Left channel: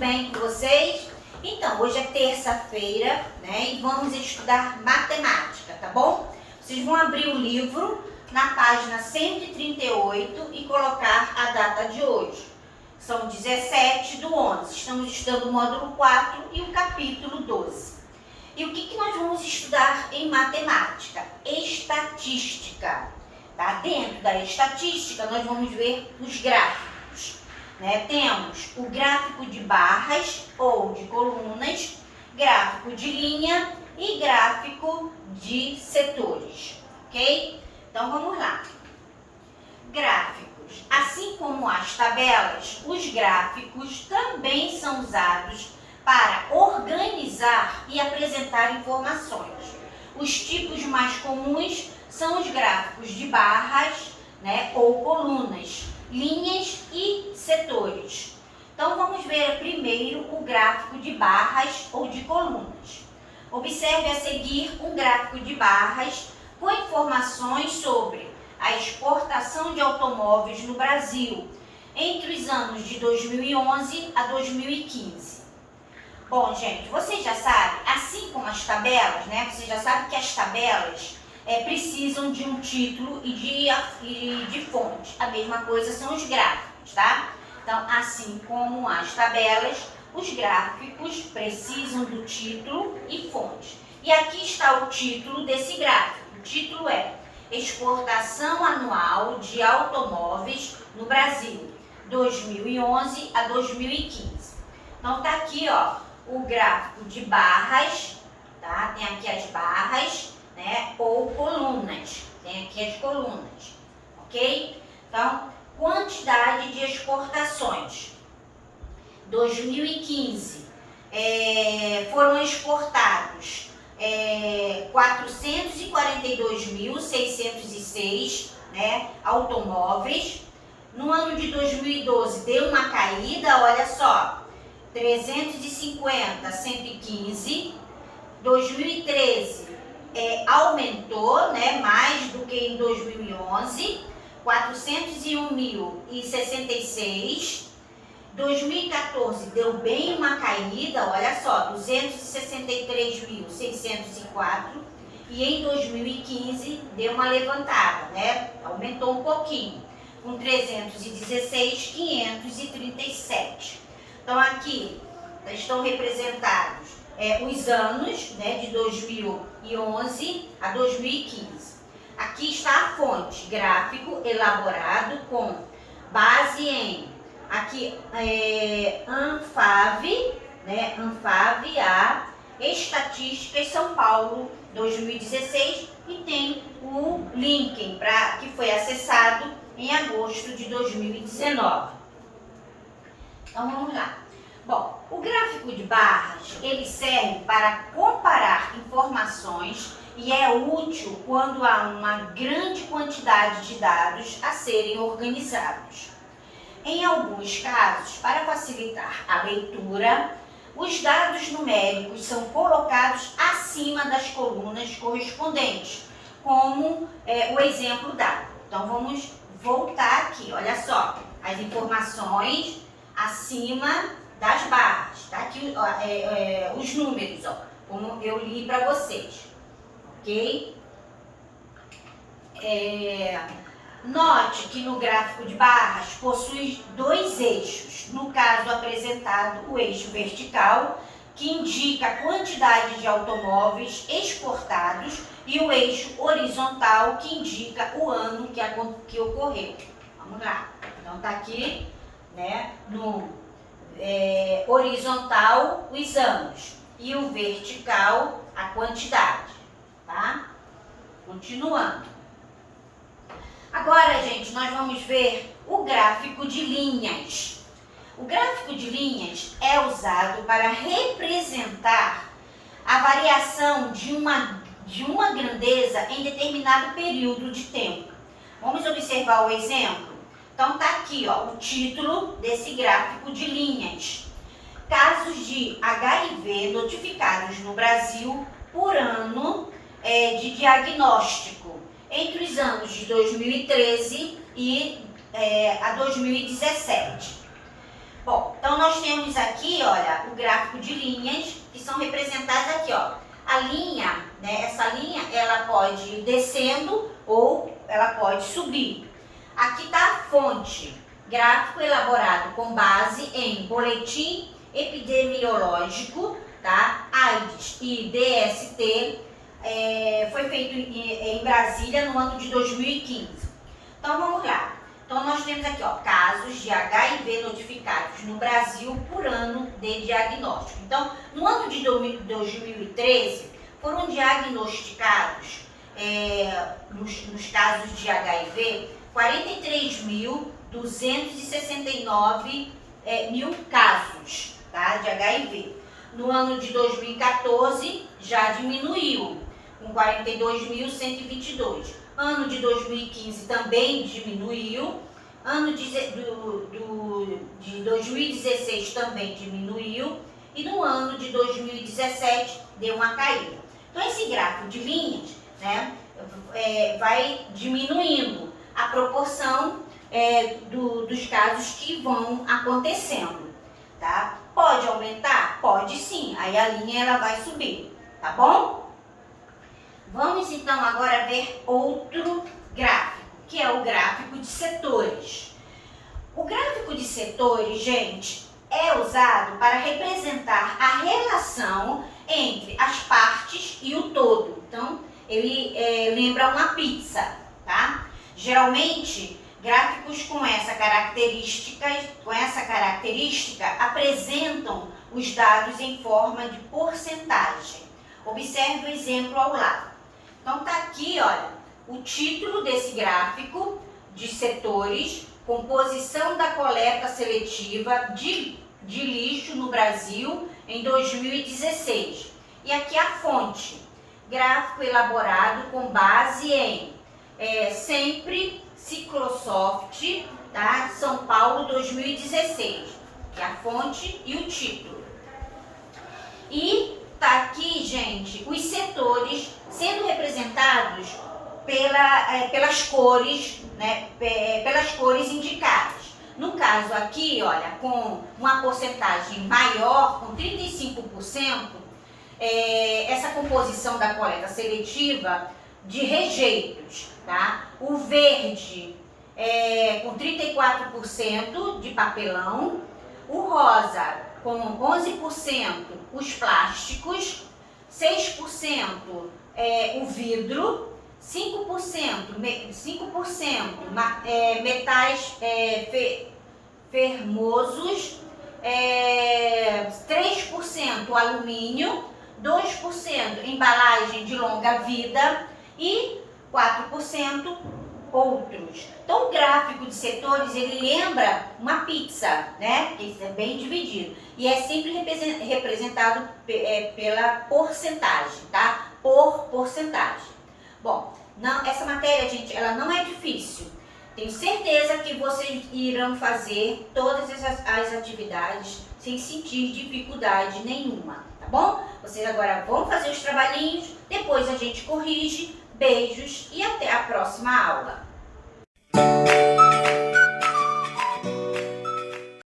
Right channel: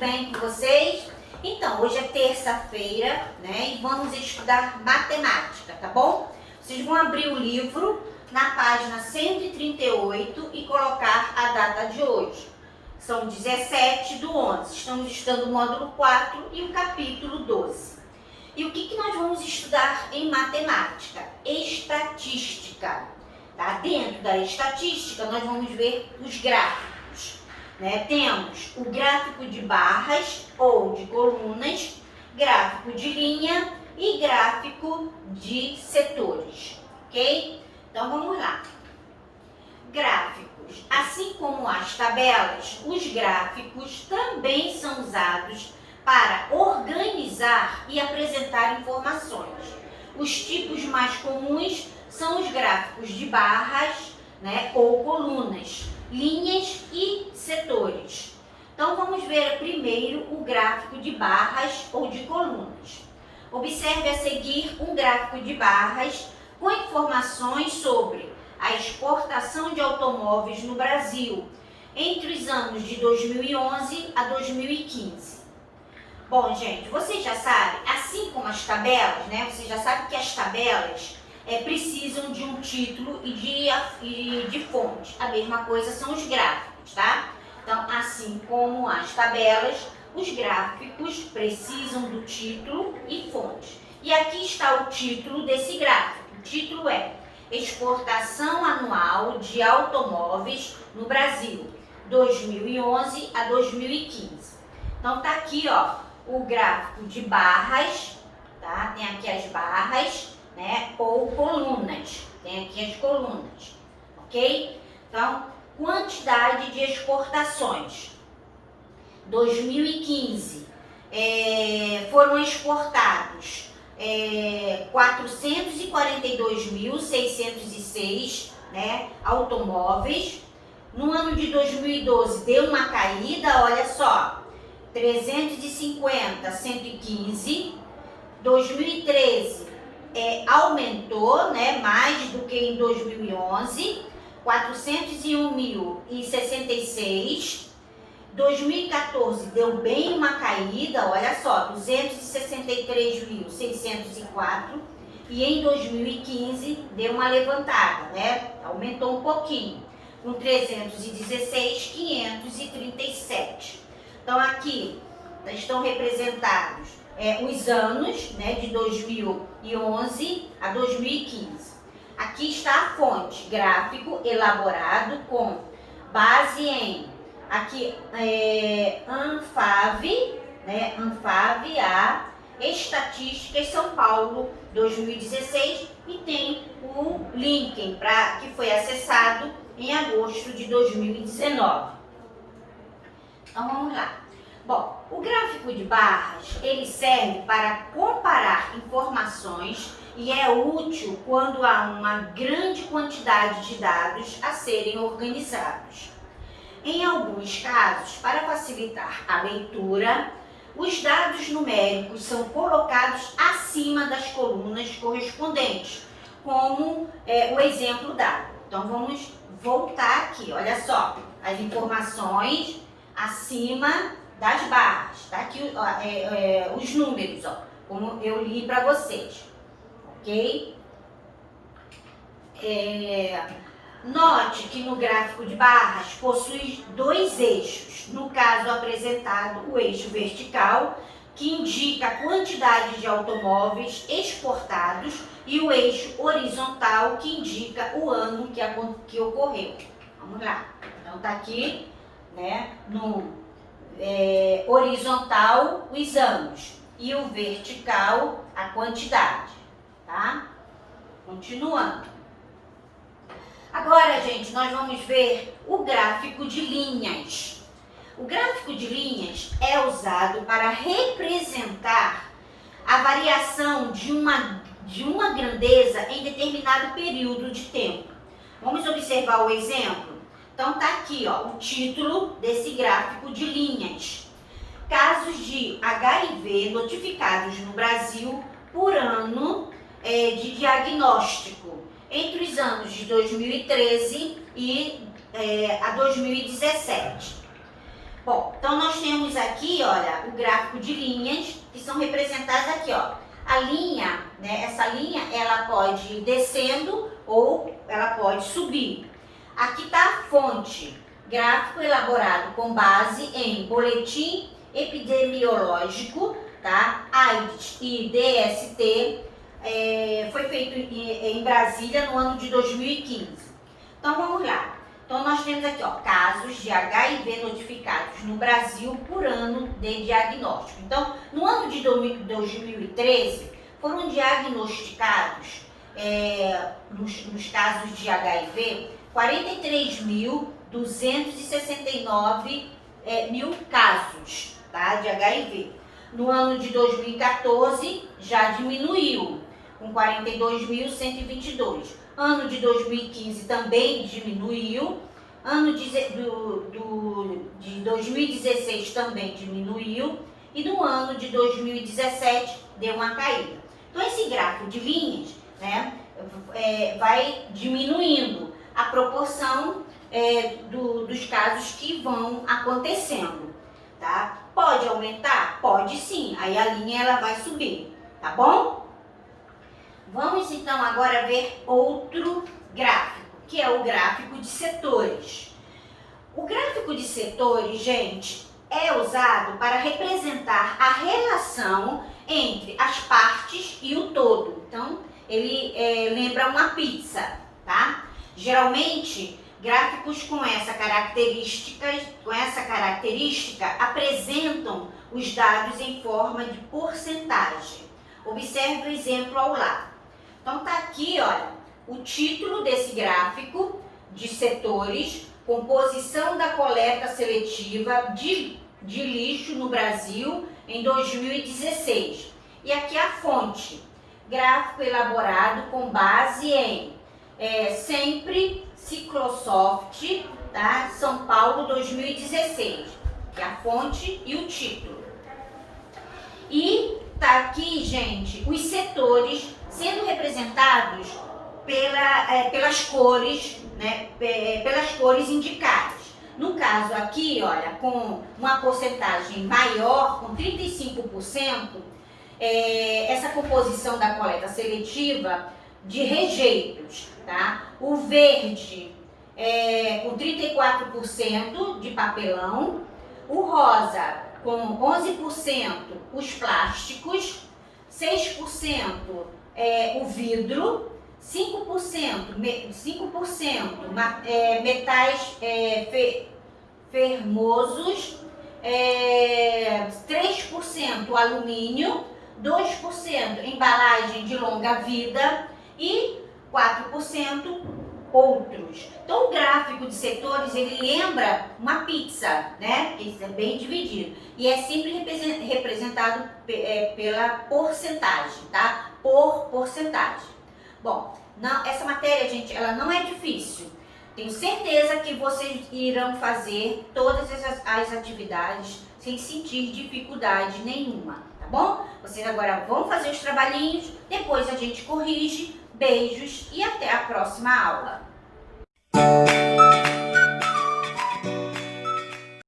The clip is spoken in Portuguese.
bem com vocês? Então, hoje é terça-feira, né? E vamos estudar matemática, tá bom? Vocês vão abrir o livro na página 138 e colocar a data de hoje. São 17/11. Estamos estudando o módulo 4 e o capítulo 12. E o que nós vamos estudar em matemática? Estatística. Tá? Dentro da estatística, nós vamos ver os gráficos. Né? Temos o gráfico de barras ou de colunas, gráfico de linha e gráfico de setores. Ok? Então, vamos lá. Gráficos. Assim como as tabelas, os gráficos também são usados para organizar e apresentar informações. Os tipos mais comuns são os gráficos de barras, né, ou colunas, linhas e setores. Então, vamos ver primeiro o gráfico de barras ou de colunas. Observe a seguir um gráfico de barras com informações sobre a exportação de automóveis no Brasil entre os anos de 2011 a 2015. Bom, gente, vocês já sabem, assim como as tabelas, né? Vocês já sabem que as tabelas precisam de um título e de fonte. A mesma coisa são os gráficos, tá? Então, assim como as tabelas, os gráficos precisam do título e fonte. E aqui está o título desse gráfico. O título é Exportação Anual de Automóveis no Brasil, 2011 a 2015. Então, tá aqui, ó, o gráfico de barras, tá? Tem aqui as barras, né? Ou colunas. Tem aqui as colunas, ok? Então, quantidade de exportações. 2015, foram exportados 442.606, né, automóveis. No ano de 2012 deu uma caída, olha só, 350, 115. 2013 aumentou, né, mais do que em 2011, 401.066. 2014 deu bem uma caída, olha só, 263.604. E em 2015 deu uma levantada, né? Aumentou um pouquinho, com 316.537. Então aqui estão representados os anos, né, de 2011 a 2015. Aqui está a fonte, gráfico elaborado com base em aqui Anfavea, né, Anfavea, Estatísticas São Paulo 2016, e tem o link que foi acessado em agosto de 2019. Então vamos lá. Bom, o gráfico de barras, ele serve para comparar informações e é útil quando há uma grande quantidade de dados a serem organizados. Em alguns casos, para facilitar a leitura, os dados numéricos são colocados acima das colunas correspondentes, como o exemplo dado. Então, vamos voltar aqui, olha só, as informações acima das barras, tá aqui os números, ó, como eu li para vocês, ok? Note que no gráfico de barras possui dois eixos, no caso apresentado o eixo vertical, que indica a quantidade de automóveis exportados, e o eixo horizontal, que indica o ano que ocorreu. Vamos lá, então tá aqui, né, no horizontal os anos e o vertical a quantidade, tá? Continuando. Agora, gente, nós vamos ver o gráfico de linhas. O gráfico de linhas é usado para representar a variação de uma grandeza em determinado período de tempo. Vamos observar o exemplo? Então, tá aqui, ó, o título desse gráfico de linhas. Casos de HIV notificados no Brasil por ano de diagnóstico entre os anos de 2013 e a 2017. Bom, então nós temos aqui, olha, o gráfico de linhas que são representadas aqui, ó. A linha, né, essa linha, ela pode ir descendo ou ela pode subir. Aqui está a fonte, gráfico elaborado com base em boletim epidemiológico, tá? AIDS e DST, foi feito em Brasília no ano de 2015. Então vamos lá. Então nós temos aqui, ó, casos de HIV notificados no Brasil por ano de diagnóstico. Então, no ano de 2013, foram diagnosticados, nos casos de HIV, 43.269 mil casos, tá, de HIV. No ano de 2014, já diminuiu, com 42.122. Ano de 2015 também diminuiu. Ano de 2016 também diminuiu. E no ano de 2017 deu uma caída. Então, esse gráfico de linhas, né, vai diminuindo a proporção dos casos que vão acontecendo, tá? Pode aumentar? Pode sim. Aí a linha ela vai subir, tá bom? Vamos então agora ver outro gráfico, que é o gráfico de setores. O gráfico de setores, gente, é usado para representar a relação entre as partes e o todo. Então, ele lembra uma pizza, tá? Geralmente, gráficos com essa característica apresentam os dados em forma de porcentagem. Observe o exemplo ao lado. Então tá aqui, olha, o título desse gráfico de setores, composição da coleta seletiva de lixo no Brasil em 2016. E aqui a fonte, gráfico elaborado com base em sempre Ciclosoft, tá? São Paulo 2016, que é a fonte e o título. E tá aqui, gente, os setores sendo representados pelas cores, né, pelas cores indicadas. No caso aqui, olha, com uma porcentagem maior, com 35%, essa composição da coleta seletiva de rejeitos, tá? O verde com 34% de papelão, o rosa com 11% os plásticos, 6% o vidro, 5% metais fermosos, 3% alumínio, 2% embalagem de longa vida e 4% outros. Então, o gráfico de setores, ele lembra uma pizza, né? Porque isso é bem dividido. E é sempre representado pela porcentagem, tá? Por porcentagem. Bom, essa matéria, gente, ela não é difícil. Tenho certeza que vocês irão fazer todas as atividades sem sentir dificuldade nenhuma, tá bom? Vocês agora vão fazer os trabalhinhos, depois a gente corrige. Beijos e até a próxima aula.